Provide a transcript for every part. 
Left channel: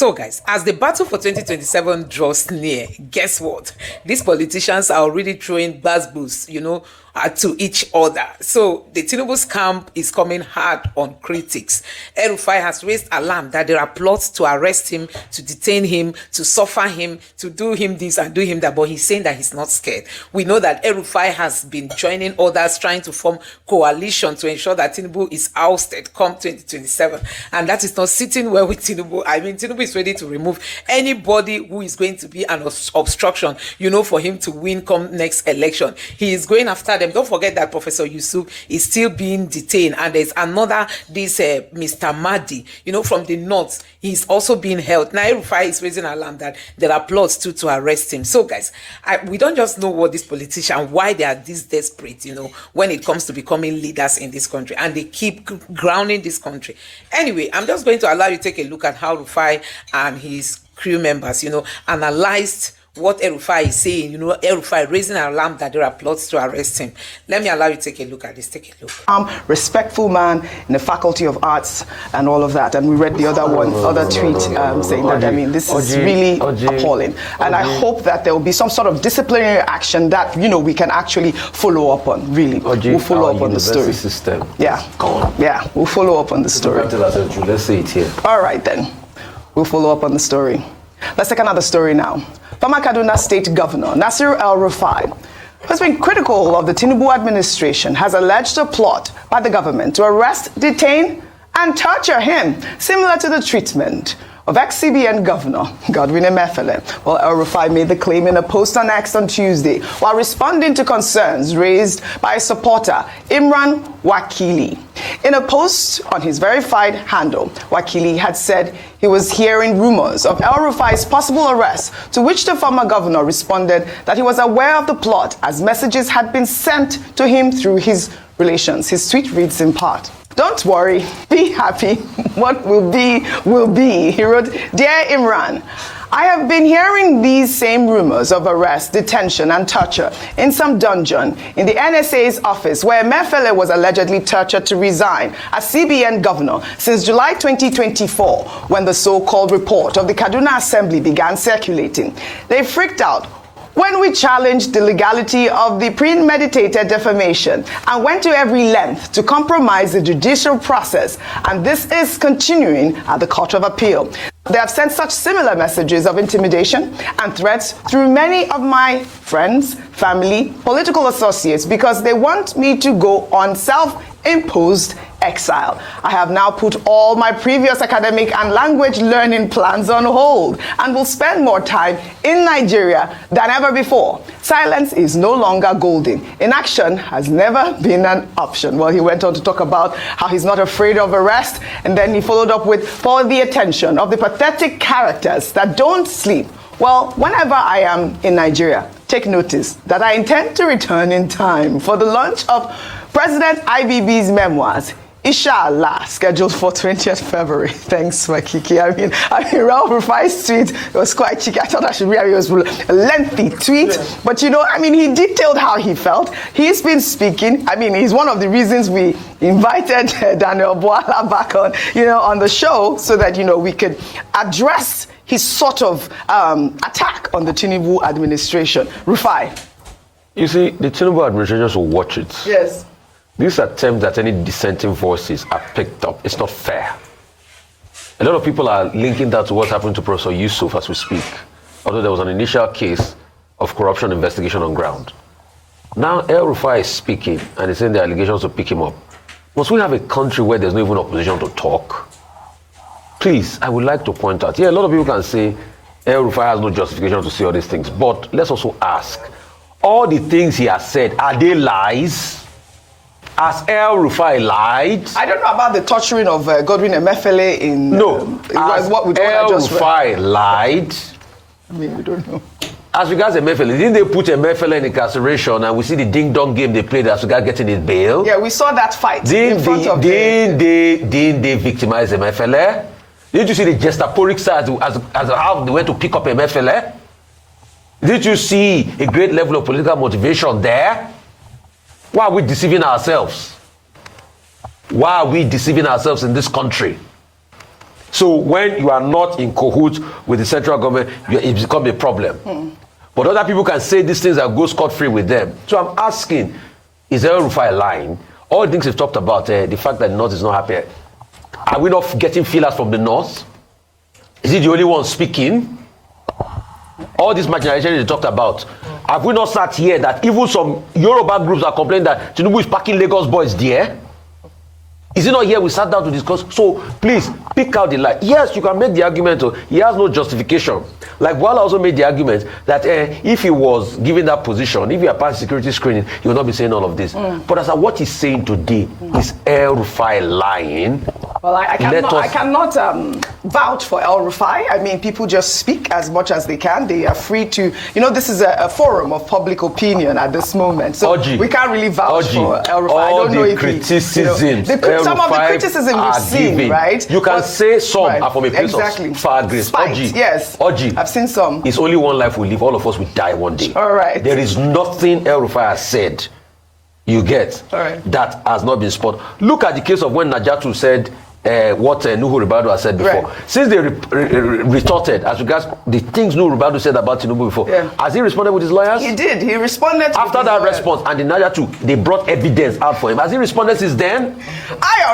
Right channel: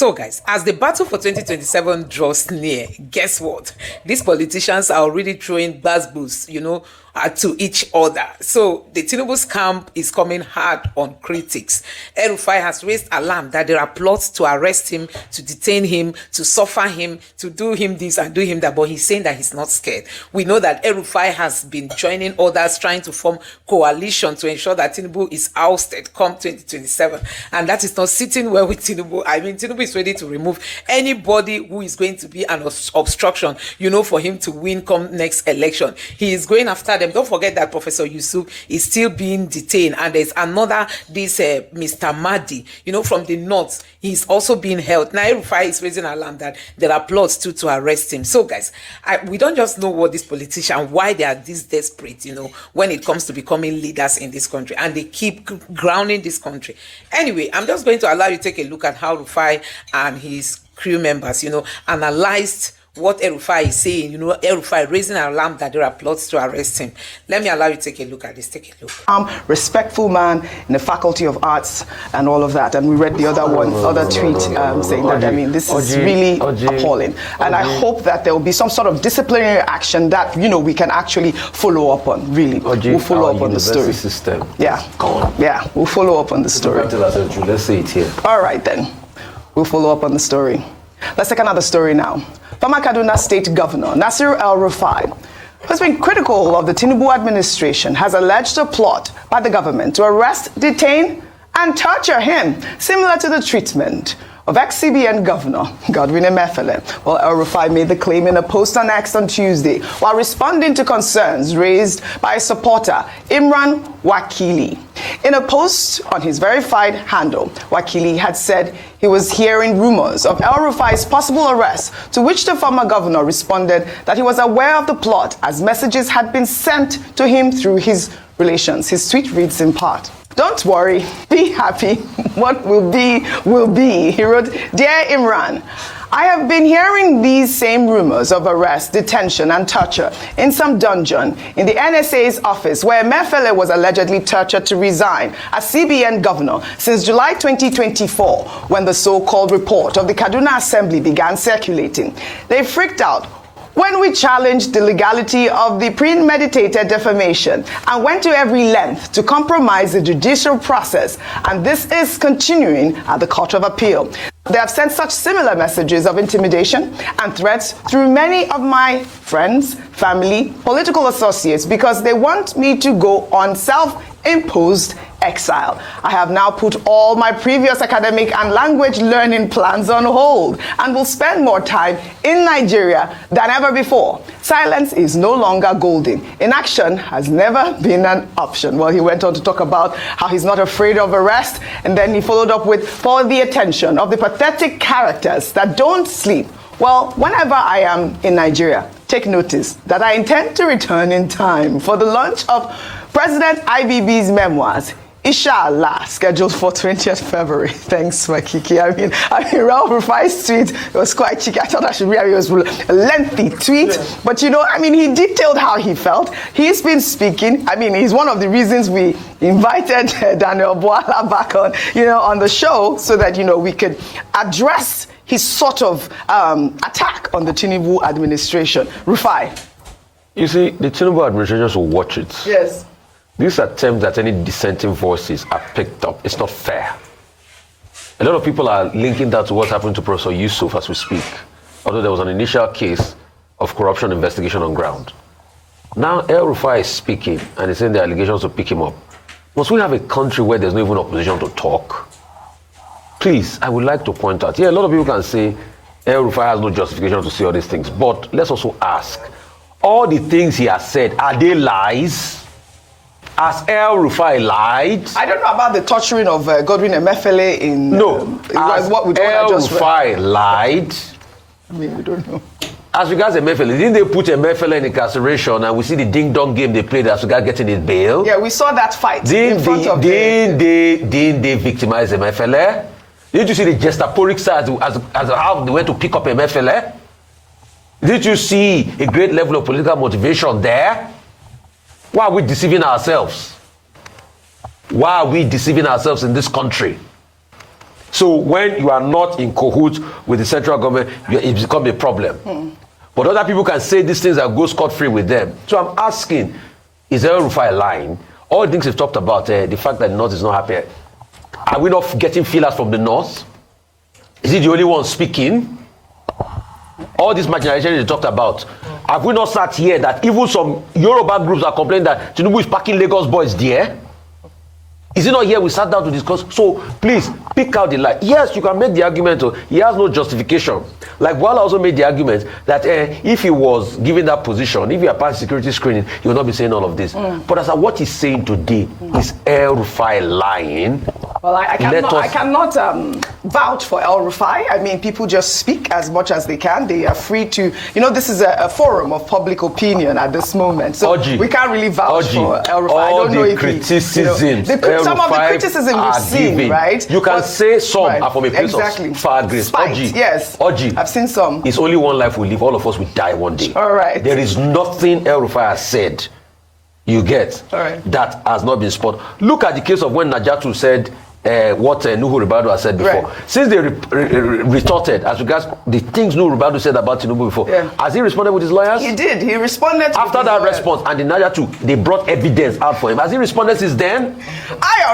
So guys, as the battle for 2027 draws near, guess what? These politicians are already throwing buzzwords, to each other. So the Tinubu's camp is coming hard on critics. El-Rufai has raised alarm that there are plots to arrest him, to detain him, to suffer him, to do him this and do him that, but he's saying that he's not scared. We know that El-Rufai has been joining others trying to form coalition to ensure that Tinubu is ousted come 2027, and that is not sitting well with Tinubu. I mean, Tinubu is ready to remove anybody who is going to be an obstruction, for him to win come next election. He is going after them. Don't forget that Professor Yusuf is still being detained, and there's another, Mr. Mahdi, from the north. He's also being held. Now, El-Rufai is raising alarm that there are plots to arrest him. So, guys, we don't just know what these politicians, why they are this desperate, when it comes to becoming leaders in this country, and they keep grounding this country. Anyway, I'm just going to allow you to take a look at how Rufai and his crew members, analyzed what El-Rufai is saying. El-Rufai raising an alarm that there are plots to arrest him. Let me allow you to take a look at this. Take a look. Respectful man in the Faculty of Arts and all of that. And we read the other tweet saying that, this is really appalling. And I hope that there will be some sort of disciplinary action that, we can actually follow up on, really. We'll follow up on the story. System. Yeah, we'll follow up on the story. Let's say it here. All right, then. We'll follow up on the story. Let's take another story now. Former Kaduna State Governor Nasir El-Rufai, who's been critical of the Tinubu administration, has alleged a plot by the government to arrest, detain, and torture him, similar to the treatment of ex-CBN Governor Godwin Emefiele. Well, El-Rufai made the claim in a post on X on Tuesday while responding to concerns raised by a supporter, Imran Wakili. In a post on his verified handle, Wakili had said he was hearing rumors of El-Rufai's possible arrest, to which the former governor responded that he was aware of the plot as messages had been sent to him through his relations. His tweet reads in part, "Don't worry, be happy. What will be, will be." He wrote, "Dear Imran, I have been hearing these same rumors of arrest, detention, and torture in some dungeon in the NSA's office where Emefiele was allegedly tortured to resign as CBN governor since July 2024, when the so-called report of the Kaduna Assembly began circulating. They freaked out when we challenged the legality of the premeditated defamation and went to every length to compromise the judicial process, and this is continuing at the Court of Appeal. They have sent such similar messages of intimidation and threats through many of my friends, family, political associates, because they want me to go on self-imposed exile. I have now put all my previous academic and language learning plans on hold and will spend more time in Nigeria than ever before. Silence is no longer golden. Inaction has never been an option." Well, he went on to talk about how he's not afraid of arrest, and then he followed up with, "For the attention of the pathetic characters that don't sleep. Well, whenever I am in Nigeria, take notice that I intend to return in time for the launch of President IBB's memoirs, Inshallah, scheduled for 20th February. Thanks, Makiki. I mean, El-Rufai's tweet was quite cheeky. I thought I should read it. It was a lengthy tweet. But, he detailed how he felt. He's been speaking. He's one of the reasons we invited Daniel Boala back on the show, so that, we could address his sort of attack on the Tinubu administration. Rufai. You see, the Tinubu administration should watch it. Yes. This attempt that any dissenting voices are picked up, it's not fair. A lot of people are linking that to what's happened to Professor Yusuf as we speak. Although there was an initial case of corruption investigation on ground. Now El-Rufai is speaking, and he's saying the allegations to pick him up. Must we have a country where there's no even opposition to talk? Please, I would like to point out, a lot of people can say El-Rufai has no justification to say all these things, but let's also ask, all the things he has said, are they lies? Has El-Rufai lied? I don't know about the torturing of Godwin Emefiele in... No. Has El-Rufai lied? We don't know. As regards Emefiele, didn't they put Emefiele in incarceration, and we see the ding-dong game they played as regards getting his bail? Yeah, we saw that fight Didn't they victimize Emefiele? Didn't you see the gestaporic side as how they went to pick up Emefiele? Didn't you see a great level of political motivation there? Why are we deceiving ourselves? Why are we deceiving ourselves in this country? So when you are not in cahoots with the central government, it becomes a problem. But other people can say these things and go scot-free with them. So I'm asking, is El-Rufai lying? All the things we've talked about, the fact that the North is not happy, are we not getting feelers from the North? Is he the only one speaking? All this marginalization they talked about, have we not sat here that even some Yoruba groups are complaining that Tinubu is packing Lagos boys there? Is it not here we sat down to discuss? So please, pick out the lie. Yes, you can make the argument, he has no justification. Like Wala also made the argument that if he was given that position, if he had passed security screening, he would not be saying all of this. But as what he's saying today, is El-Rufai lying? Well, I cannot vouch for El-Rufai. I mean, people just speak as much as they can. They are free to, this is a forum of public opinion at this moment. So we can't really vouch for El-Rufai. I don't know if some of the criticism we've seen, right? You can say some are from a place of far grace. Spite, yes. I've seen some. It's only one life we live. All of us will die one day. All right. There is nothing El-Rufai has said. You get that has not been spoken. Look at the case of when Najatu said what Nuhu Ribadu has said before. Right. Since they retorted as regards the things Nuhu Ribadu said about Tinubu before, has he responded with his lawyers? He did. He responded after that response, and the Najatu, they brought evidence out for him. Has he responded since then?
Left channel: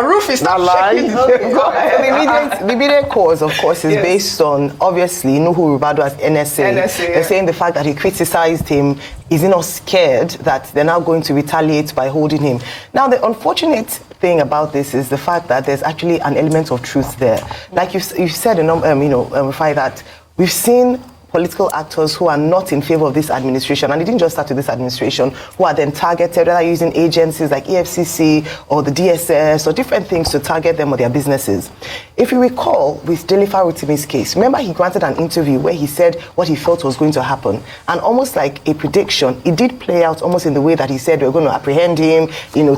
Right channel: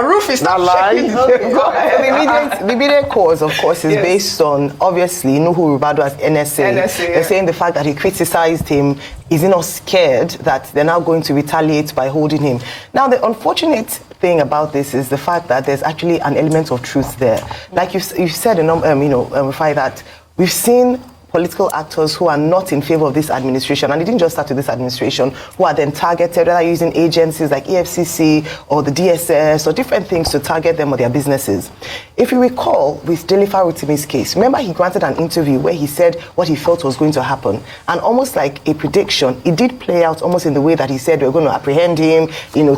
Rufus, not lying. The immediate cause, of course, is based on, obviously, Nuhu Ribadu as NSA. They're saying the fact that he criticized him. Is he not scared that they're now going to retaliate by holding him? Now, the unfortunate thing about this is the fact that there's actually an element of truth there. Like you've said, Rufai, that we've seen political actors who are not in favor of this administration, and it didn't just start with this administration, who are then targeted, whether using agencies like EFCC or the DSS or different things to target them or their businesses. If you recall, with Rufai Oseni's case, remember he granted an interview where he said what he felt was going to happen, and almost like a prediction, it did play out almost in the way that he said we're going to apprehend him,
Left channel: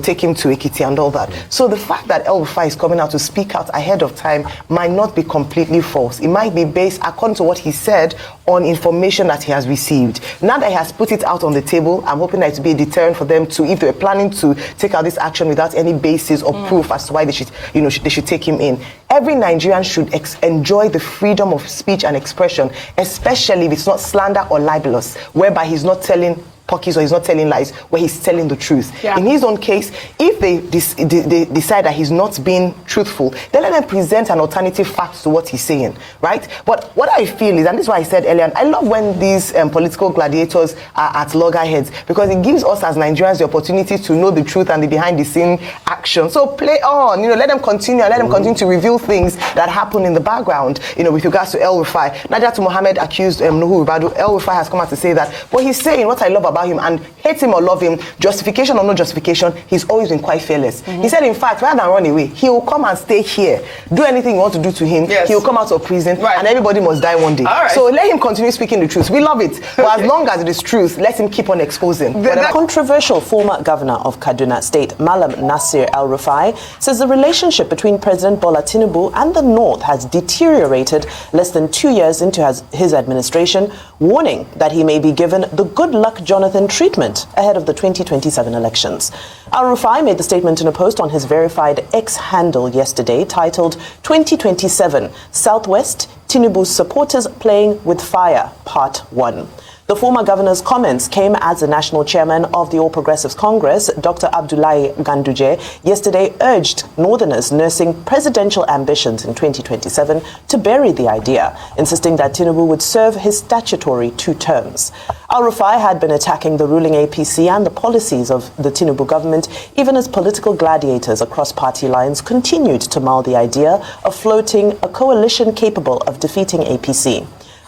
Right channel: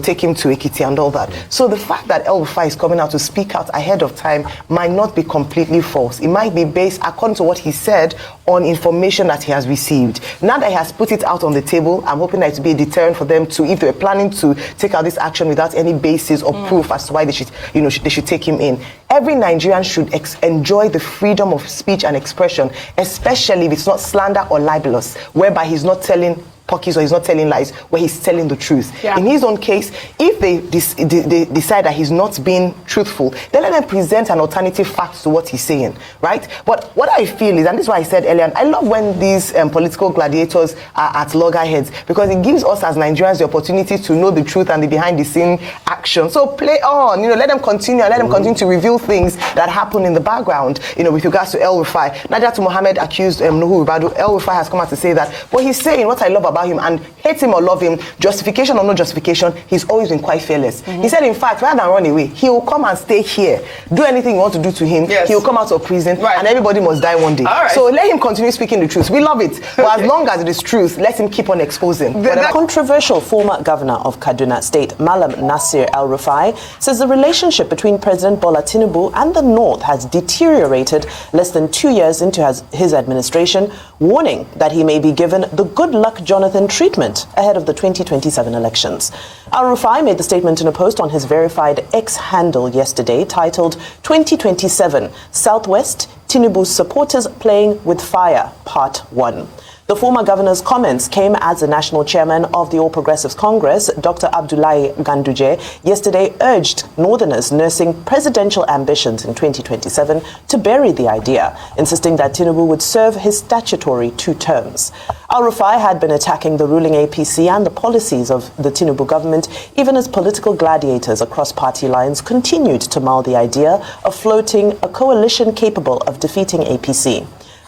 take him to Ekiti and all that. So the fact that El-Rufai is coming out to speak out ahead of time might not be completely false. It might be based, according to what he said, on information that he has received. Now that he has put it out on the table, I'm hoping that it will be a deterrent for them to, if they're planning to take out this action without any basis or proof as to why they should, they should take him in. Every Nigerian should enjoy the freedom of speech and expression, especially if it's not slander or libelous, whereby he's not telling pockies or he's not telling lies, where he's telling the truth. In his own case, if they decide that he's not being truthful, then let them present an alternative fact to what he's saying, right? But what I feel is, and this is why I said earlier, I love when these political gladiators are at loggerheads, because it gives us as Nigerians the opportunity to know the truth and the behind-the-scene action. So play on, let them continue to reveal things that happen in the background, with regards to El-Rufai. Najat Mohammed accused Nuhu Ribadu. El-Rufai has come out to say that. What he's saying, what I love about him, and hate him or love him, justification or no justification, he's always been quite fearless. He said, in fact, rather than run away, he will come and stay here. Do anything you want to do to him. He will come out of prison, and everybody must die one day. So let him continue speaking the truth. We love it. But as long as it is truth, let him keep on exposing. The controversial former governor of Kaduna State, Malam Nasir El-Rufai, says the relationship between President Bola Tinubu and the North has deteriorated less than 2 years into his administration, warning that he may be given the good luck Jonathan treatment ahead of the 2027 elections. El-Rufai made the statement in a post on his verified X handle yesterday titled 2027 Southwest Tinubu's Supporters Playing with Fire Part 1. The former governor's comments came as the national chairman of the All Progressives Congress, Dr. Abdullahi Ganduje, yesterday urged northerners nursing presidential ambitions in 2027 to bury the idea, insisting that Tinubu would serve his statutory 2 terms. El-Rufai had been attacking the ruling APC and the policies of the Tinubu government, even as political gladiators across party lines continued to mull the idea of floating a coalition capable of defeating APC.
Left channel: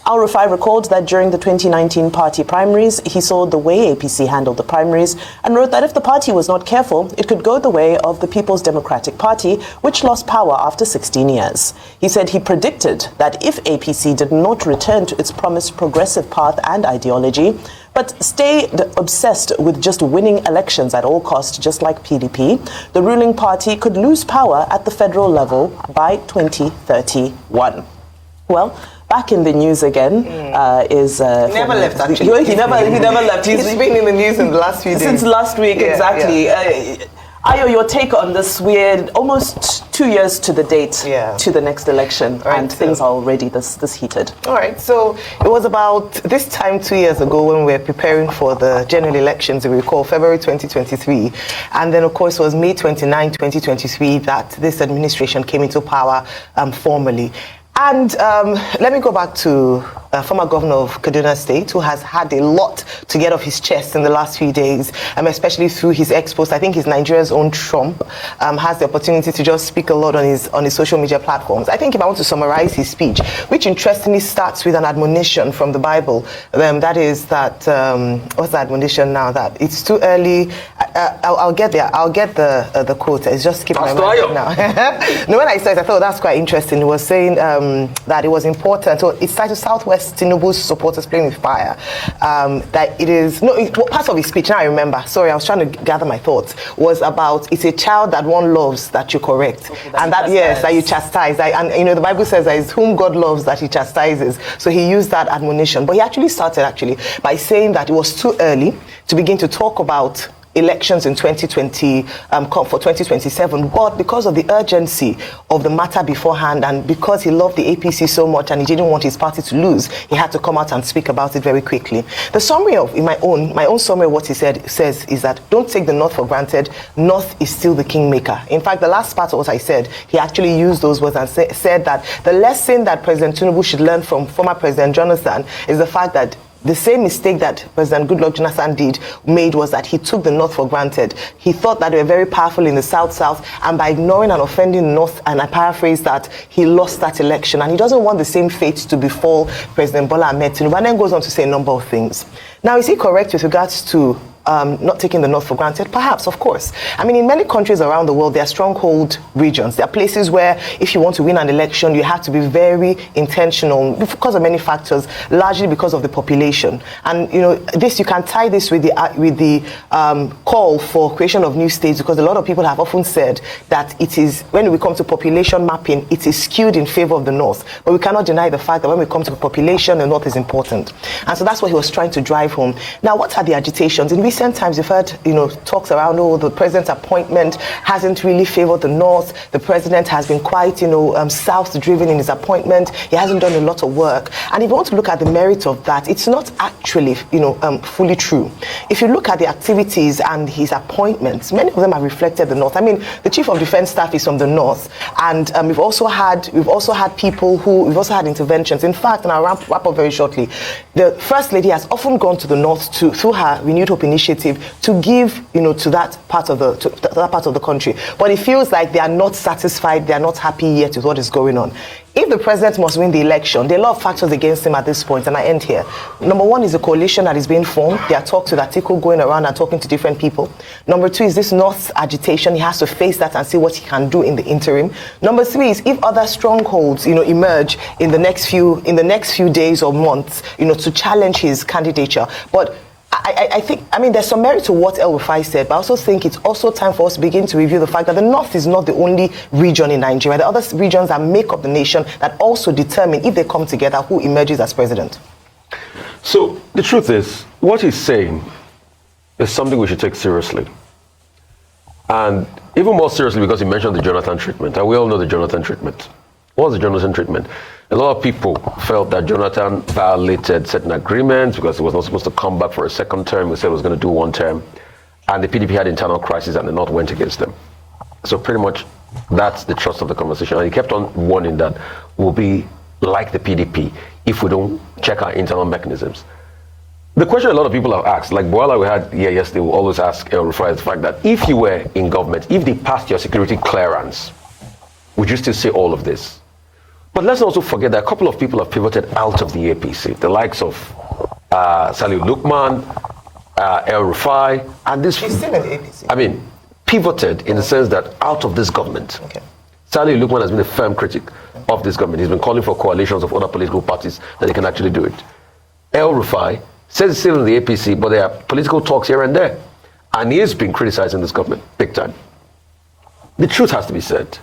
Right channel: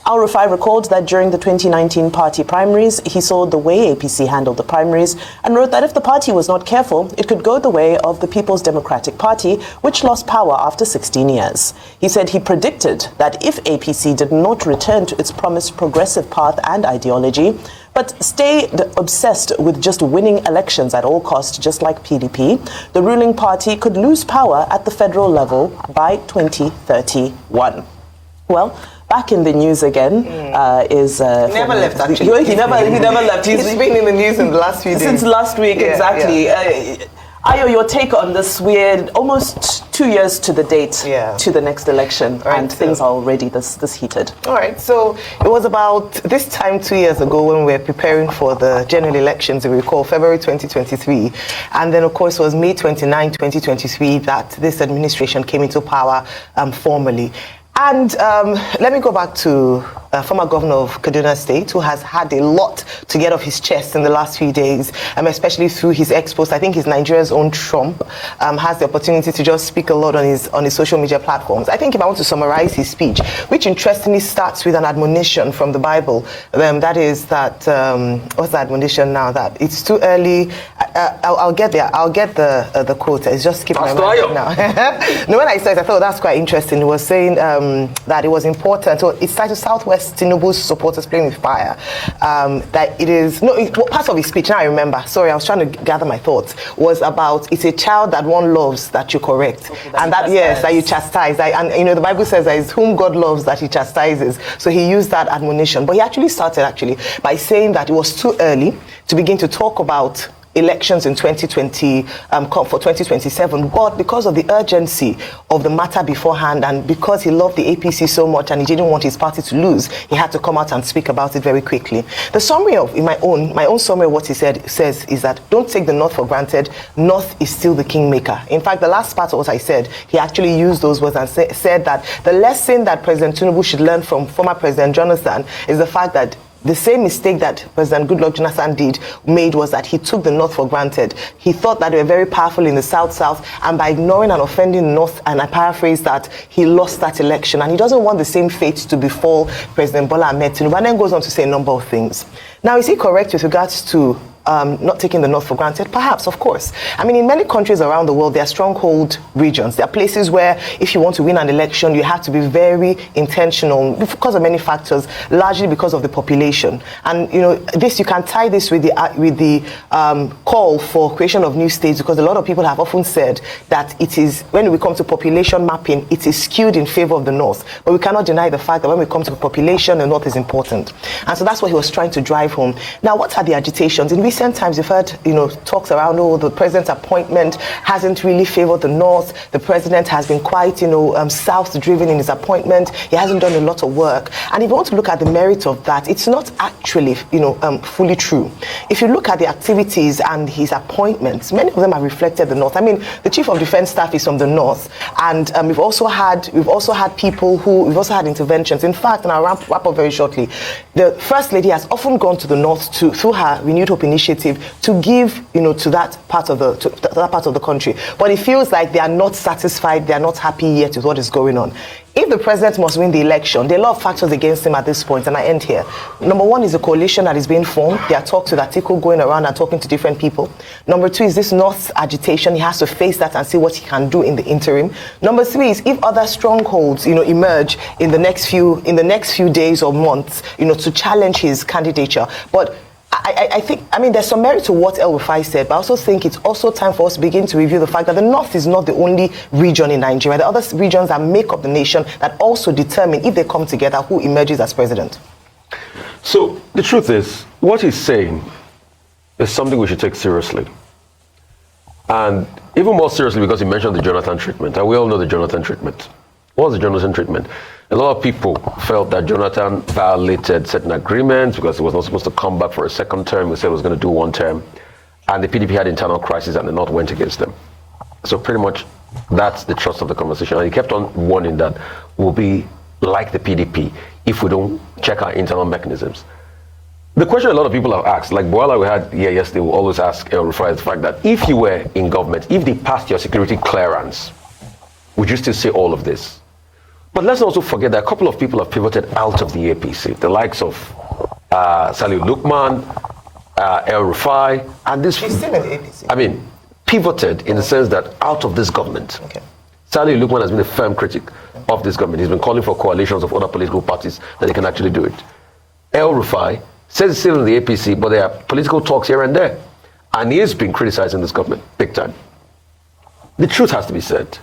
El-Rufai recalled that during the 2019 party primaries, he saw the way APC handled the primaries and wrote that if the party was not careful, it could go the way of the People's Democratic Party, which lost power after 16 years. He said he predicted that if APC did not return to its promised progressive path and ideology, but stayed obsessed with just winning elections at all costs, just like PDP, the ruling party could lose power at the federal level by 2031. Well, back in the news again is... He never left, actually. He never left. He's been in the news in the last few days. Since last week, exactly. Ayo, your take on this weird, almost 2 years to the date, to the next election, and things are already this heated. All right, so it was about this time 2 years ago when we were preparing for the general elections, if we recall, February 2023. And then, of course, it was May 29, 2023 that this administration came into power formally. And let me go back to former governor of Kaduna State, who has had a lot to get off his chest in the last few days, especially through his ex-post. I think he's Nigeria's own Trump, has the opportunity to just speak a lot on his social media platforms. I think if I want to summarize his speech, which interestingly starts with an admonition from the Bible, that is that, what's the admonition now? That it's too early. I'll get there. I'll get the quote. It's just skip my mind. No, when I said, I thought that's quite interesting. It was saying that it was important. So it's titled Southwest Tinubu's supporters playing with fire. That it is, no, part of his speech, now I remember. Sorry, I was trying to gather my thoughts. Was about, it's a child that one loves that you correct. Okay, and that, yes, that you chastise. And you know, the Bible says that it's whom God loves that he chastises. So he used that admonition. But he actually started by saying that it was too early to begin to talk about elections in 2020 for 2027, but because of the urgency of the matter beforehand and because he loved the APC so much and he didn't want his party to lose, he had to come out and speak about it very quickly. The summary of my own summary of what he says is that don't take the North for granted. North is still the kingmaker. In fact, the last part of what I said, he actually used those words and said that the lesson that President Tinubu should learn from former President Jonathan is the fact that the same mistake that President Goodluck Jonathan made was that he took the North for granted. He thought that they were very powerful in the South, and by ignoring and offending North, and I paraphrase that, he lost that election. And he doesn't want the same fate to befall President Bola Ahmed Tinubu. And then goes on to say a number of things. Now, is he correct with regards to not taking the North for granted? Perhaps, of course. I mean, in many countries around the world, there are stronghold regions. There are places where if you want to win an election, you have to be very intentional because of many factors, largely because of the population. And, you know, you can tie this with the call for creation of new states, because a lot of people have often said that it is, when we come to population mapping, it is skewed in favor of the North. But we cannot deny the fact that when we come to population, the North is important. And so that's what he was trying to drive home. Now, what are the agitations? In recent times, you've heard, talks around, the president's appointment hasn't really favored the North. The president has been quite, South-driven in his appointment. He hasn't done a lot of work. And if you want to look at the merit of that, it's not actually, fully true. If you look at the activities and his appointments, many of them have reflected the North. I mean, the Chief of Defense Staff is from the North, and we've also had interventions. In fact, and I'll wrap up very shortly, the First Lady has often gone to the North through her Renewed Hope initiative to give, to that part of the country. But it feels like they are not satisfied, they are not happy yet with what is going on. If the president must win the election, there are a lot of factors against him at this point, and I end here. Number one is a coalition that is being formed. There are talks with Atiku going around and talking to different people. Number two is this North agitation. He has to face that and see what he can do in the interim. Number three is if other strongholds, emerge in the next few days or months, to challenge his candidature. But I think, there's some merit to what El-Rufai said, but I also think it's also time for us to begin to review the fact that the North is not the only region in Nigeria. There are other regions that make up the nation that also determine, if they come together, who emerges as president. So the truth is, what he's saying is something we should take seriously. And even more seriously because he mentioned the Jonathan treatment, and we all know the Jonathan treatment. What was the Jonathan treatment? A lot of people felt that Jonathan violated certain agreements because he was not supposed to come back for a second term. He said he was going to do one term. And the PDP had internal crisis and the North went against them. So pretty much that's the thrust of the conversation. And he kept on warning that we'll be like the PDP if we don't check our internal mechanisms. The question a lot of people have asked, like Boala we had here yesterday, will always ask El-Rufai the fact that if you were in government, if they passed your security clearance, would you still see all of this? But let's also forget that a couple of people have pivoted out of the APC, the likes of Salih Lukman, El-Rufai, and this. He's still in the APC. Pivoted in the sense that out of this government. Okay. Salih Lukman has been a firm critic of this government. He's been calling for coalitions of other political parties that they can actually do it. El-Rufai says he's still in the APC, but there are political talks here and there. And he has been criticizing this government big time. The truth has to be said.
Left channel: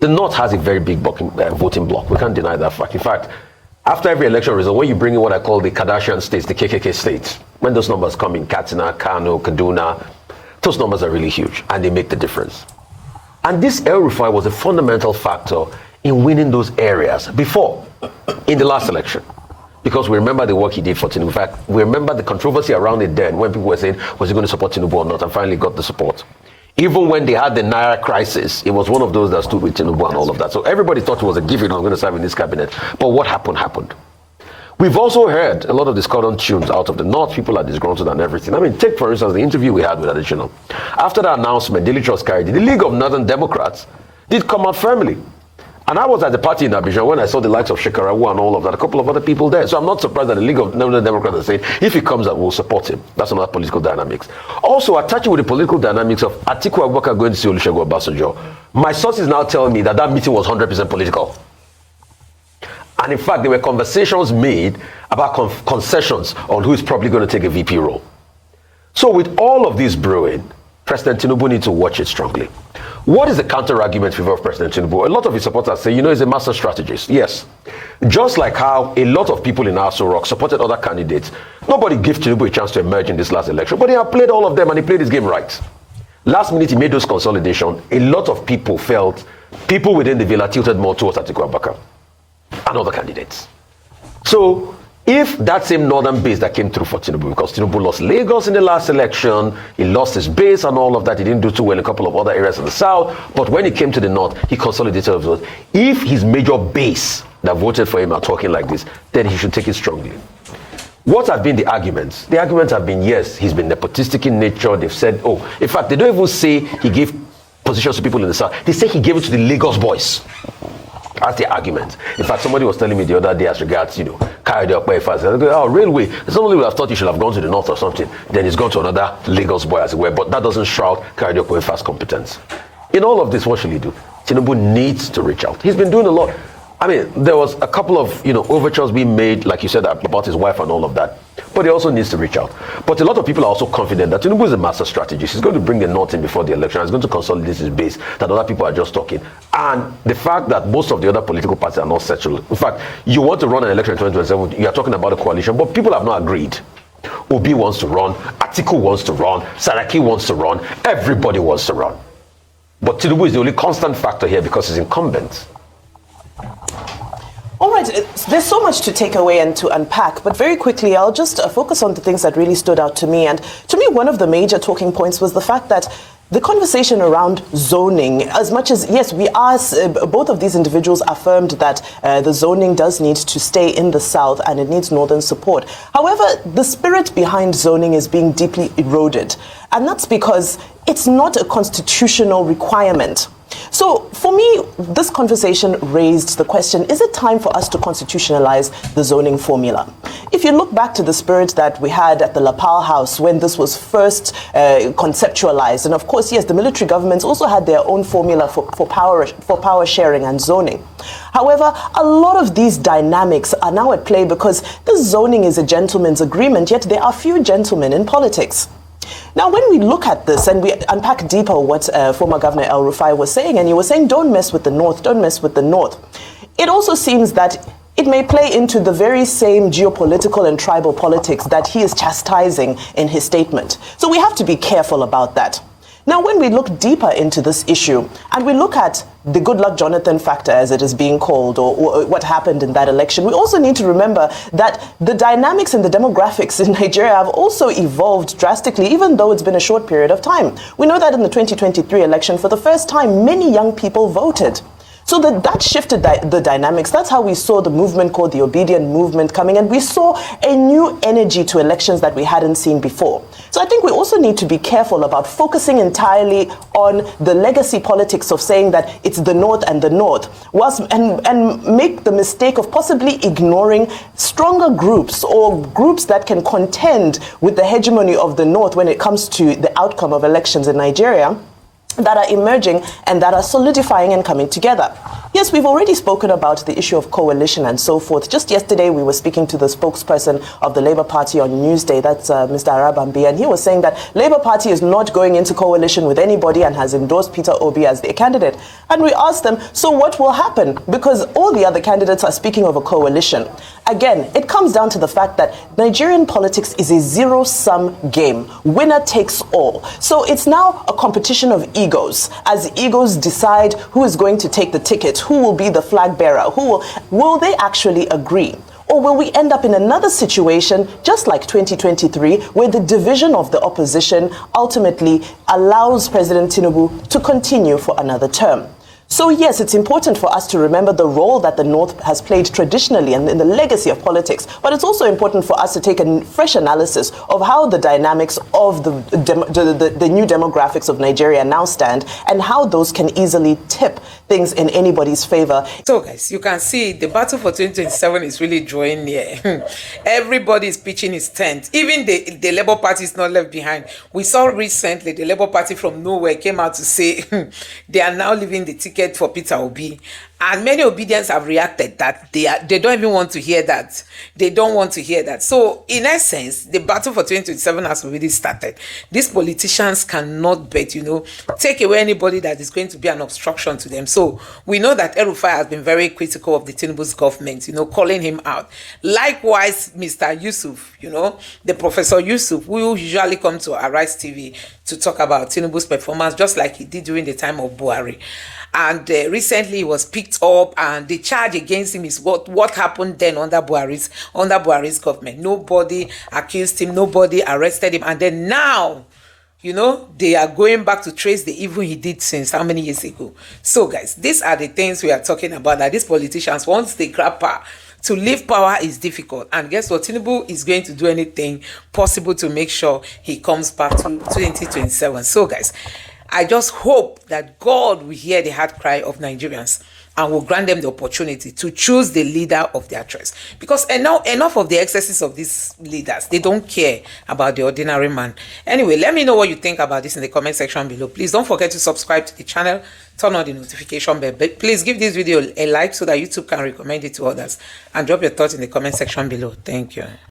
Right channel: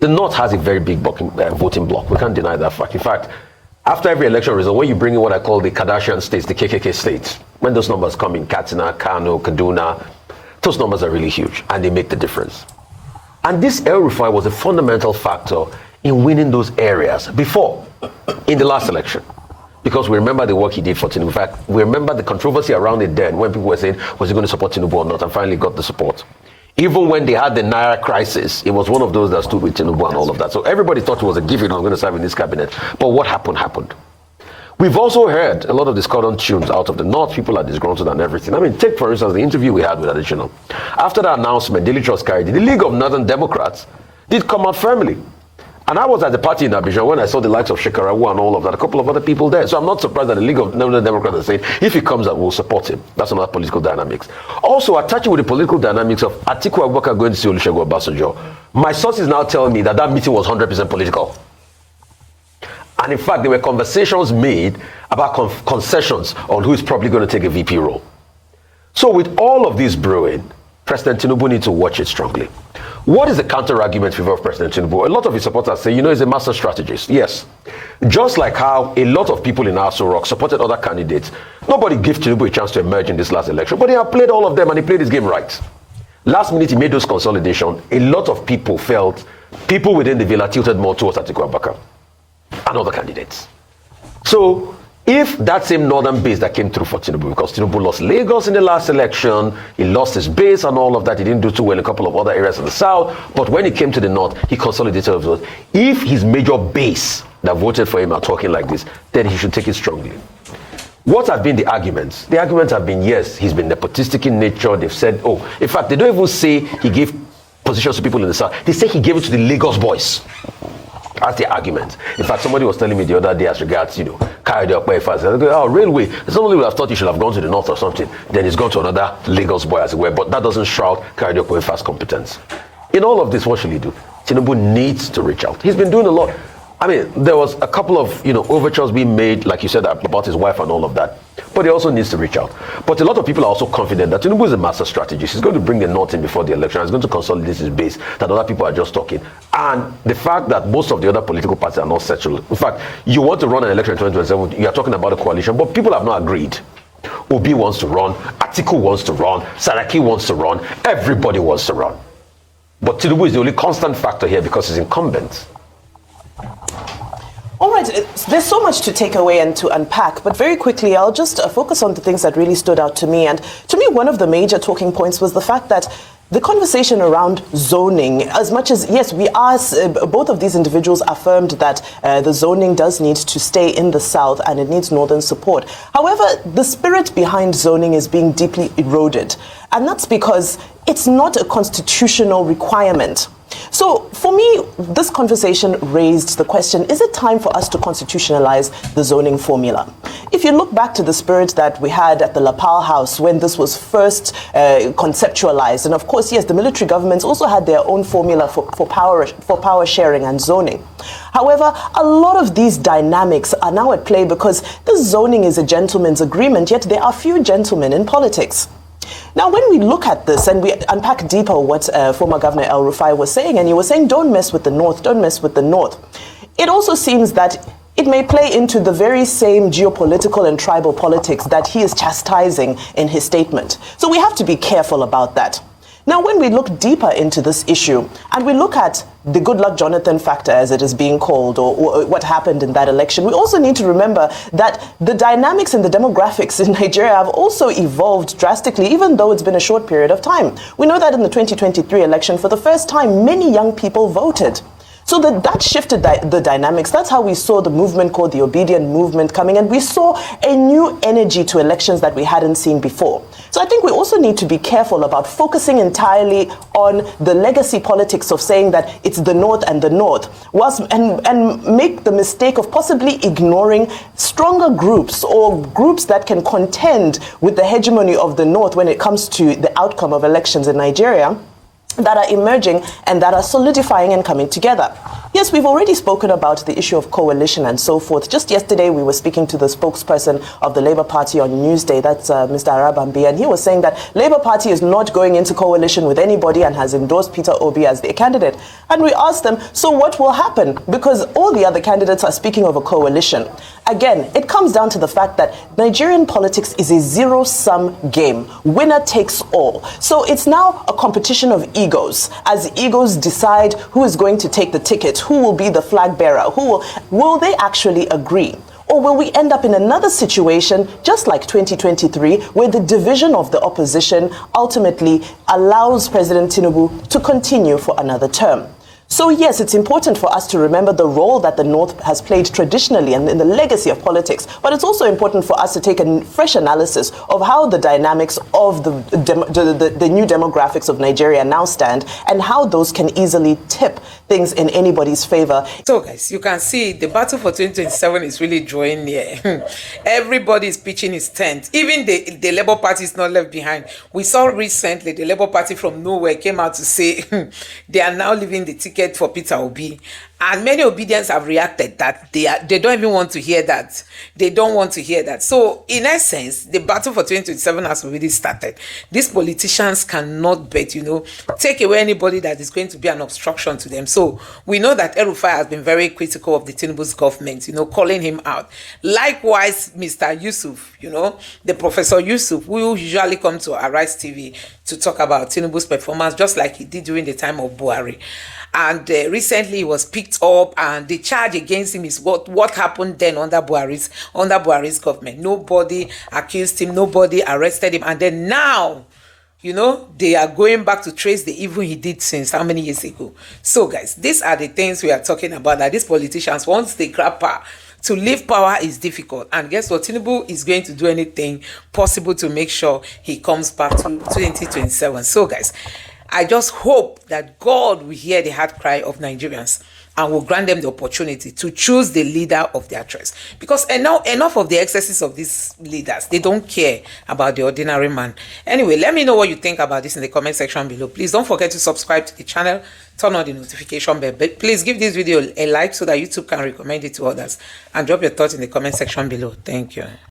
The North has a very big voting bloc. We can't deny that fact. In fact, after every election result, when you bring in what I call the Kardashian states, the KKK states, when those numbers come in, Katsina, Kanu, Kaduna, Those numbers are really huge, and they make the difference. And this El-Rufai was a fundamental factor in winning those areas before, in the last election. Because we remember the work he did for Tinubu. In fact, we remember the controversy around it then, when people were saying, was he going to support Tinubu or not, and finally got the support. Even when they had the Naira crisis, it was one of those that stood with Tinubu and all of that. So everybody thought it was a given he was going to serve in this cabinet. But what happened, happened. We've also heard a lot of discordant tunes out of the north. People are disgruntled and everything. I mean, take for instance the interview we had with Additional. After the announcement, Daily Trust carried it. The League of Northern Democrats did come out firmly. And I was at the party in Abidjan when I saw the likes of Shekarawu and all of that, a couple of other people there. So I'm not surprised that the League of Northern Democrats are saying, if he comes out, we'll support him. That's another political dynamics. Also, attaching with the political dynamics of Atiku Abubakar going to see Olusegun Obasanjo, my sources now tell me that meeting was 100% political. And in fact, there were conversations made about concessions on who is probably going to take a VP role. So with all of this brewing, President Tinubu needs to watch it strictly. What is the counter-argument for President Tinubu? A lot of his supporters say, he's a master strategist. Yes. Just like how a lot of people in Aso Rock supported other candidates, nobody gave Tinubu a chance to emerge in this last election, but he had played all of them and he played his game right. Last minute, he made those consolidations. A lot of people felt people within the villa tilted more towards Atiku Abubakar and other candidates. So, if that same northern base that came through for Tinubu, because Tinubu lost Lagos in the last election, he lost his base and all of that, he didn't do too well in a couple of other areas of the south, but when he came to the north, he consolidated his vote. If his major base that voted for him are talking like this, then he should take it strongly. What have been the arguments? The arguments have been, yes, he's been nepotistic in nature, they've said. In fact, they don't even say he gave positions to people in the south. They say he gave it to the Lagos boys. That's the argument. In fact, somebody was telling me the other day as regards, carried up by fast. Okay, railway. Somebody would have thought you should have gone to the north or something. Then he's gone to another Lagos boy, as it were. But that doesn't shroud carried up by fast competence. In all of this, what should he do? Tinubu needs to reach out. He's been doing a lot. I mean, there was a couple of, overtures being made, like you said, about his wife and all of that. But he also needs to reach out. But a lot of people are also confident that Tinubu is a master strategist. He's going to bring the North in before the election. He's going to consolidate his base, that other people are just talking. And the fact that most of the other political parties are not settled. In fact, you want to run an election in 2027, you are talking about a coalition, but people have not agreed. Obi wants to run, Atiku wants to run, Saraki wants to run, everybody wants to run. But Tinubu is the only constant factor here because he's incumbent. All right, there's so much to take away and to unpack, but very quickly, I'll just focus on the things that really stood out to me. And to me, one of the major talking points was the fact that the conversation around zoning, as much as, yes, we are, both of these individuals affirmed that the zoning does need to stay in the south and it needs northern support. However, the spirit behind zoning is being deeply eroded. And that's because it's not a constitutional requirement. So, for me, this conversation raised the question, is it time for us to constitutionalize the zoning formula? If you look back to the spirit that we had at the Lapal House when this was first conceptualized, and of course, yes, the military governments also had their own formula for power sharing and zoning. However, a lot of these dynamics are now at play because the zoning is a gentleman's agreement, yet there are few gentlemen in politics. Now, when we look at this and we unpack deeper what former Governor El-Rufai was saying, and he was saying, don't mess with the North, don't mess with the North. It also seems that it may play into the very same geopolitical and tribal politics that he is chastising in his statement. So we have to be careful about that. Now, when we look deeper into this issue and we look at the good luck Jonathan factor, as it is being called, or what happened in that election, we also need to remember that the dynamics and the demographics in Nigeria have also evolved drastically, even though it's been a short period of time. We know that in the 2023 election, for the first time, many young people voted. So that shifted the dynamics. That's how we saw the movement called the Obedient Movement coming, and we saw a new energy to elections that we hadn't seen before. So I think we also need to be careful about focusing entirely on the legacy politics of saying that it's the North and the North, and make the mistake of possibly ignoring stronger groups or groups that can contend with the hegemony of the North when it comes to the outcome of elections in Nigeria, that are emerging and that are solidifying and coming together. Yes, we've already spoken about the issue of coalition and so forth. Just yesterday, we were speaking to the spokesperson of the Labour Party on Newsday, that's Mr. Arabambe, and he was saying that Labour Party is not going into coalition with anybody and has endorsed Peter Obi as their candidate. And we asked them, so what will happen? Because all the other candidates are speaking of a coalition. Again, it comes down to the fact that Nigerian politics is a zero-sum game. Winner takes all. So it's now a competition of egos. As egos decide who is going to take the ticket, who will be the flag bearer, will they actually agree? Or will we end up in another situation, just like 2023, where the division of the opposition ultimately allows President Tinubu to continue for another term? So yes, it's important for us to remember the role that the North has played traditionally and in the legacy of politics, but it's also important for us to take a fresh analysis of how the dynamics of the new demographics of Nigeria now stand and how those can easily tip things in anybody's favor. So guys, you can see the battle for 2027 is really drawing near. Everybody is pitching his tent. Even the Labour Party is not left behind. We saw recently the Labour Party from nowhere came out to say they are now leaving the ticket for Peter Obi. And many Obedience have reacted that they don't even want to hear that. They don't want to hear that. So, in essence, the battle for 2027 has already started. These politicians cannot bet, take away anybody that is going to be an obstruction to them. So, we know that El-Rufai has been very critical of the Tinubu's government, calling him out. Likewise, Mr. Yusuf, the Professor Yusuf, who usually come to Arise TV to talk about Tinubu's performance, just like he did during the time of Buhari. And recently he was picked up, and the charge against him is what happened then under Buhari's government. Nobody accused him, nobody arrested him, and then now, they are going back to trace the evil he did since how many years ago. So guys, these are the things we are talking about, that these politicians, once they grab power, to leave power is difficult. And guess what? Tinubu is going to do anything possible to make sure he comes back to 2027. So guys, I just hope that God will hear the heart cry of Nigerians and will grant them the opportunity to choose the leader of their choice. Because enough of the excesses of these leaders. They don't care about the ordinary man. Anyway, let me know what you think about this in the comment section below. Please don't forget to subscribe to the channel. Turn on the notification bell. But please give this video a like so that YouTube can recommend it to others. And drop your thoughts in the comment section below. Thank you.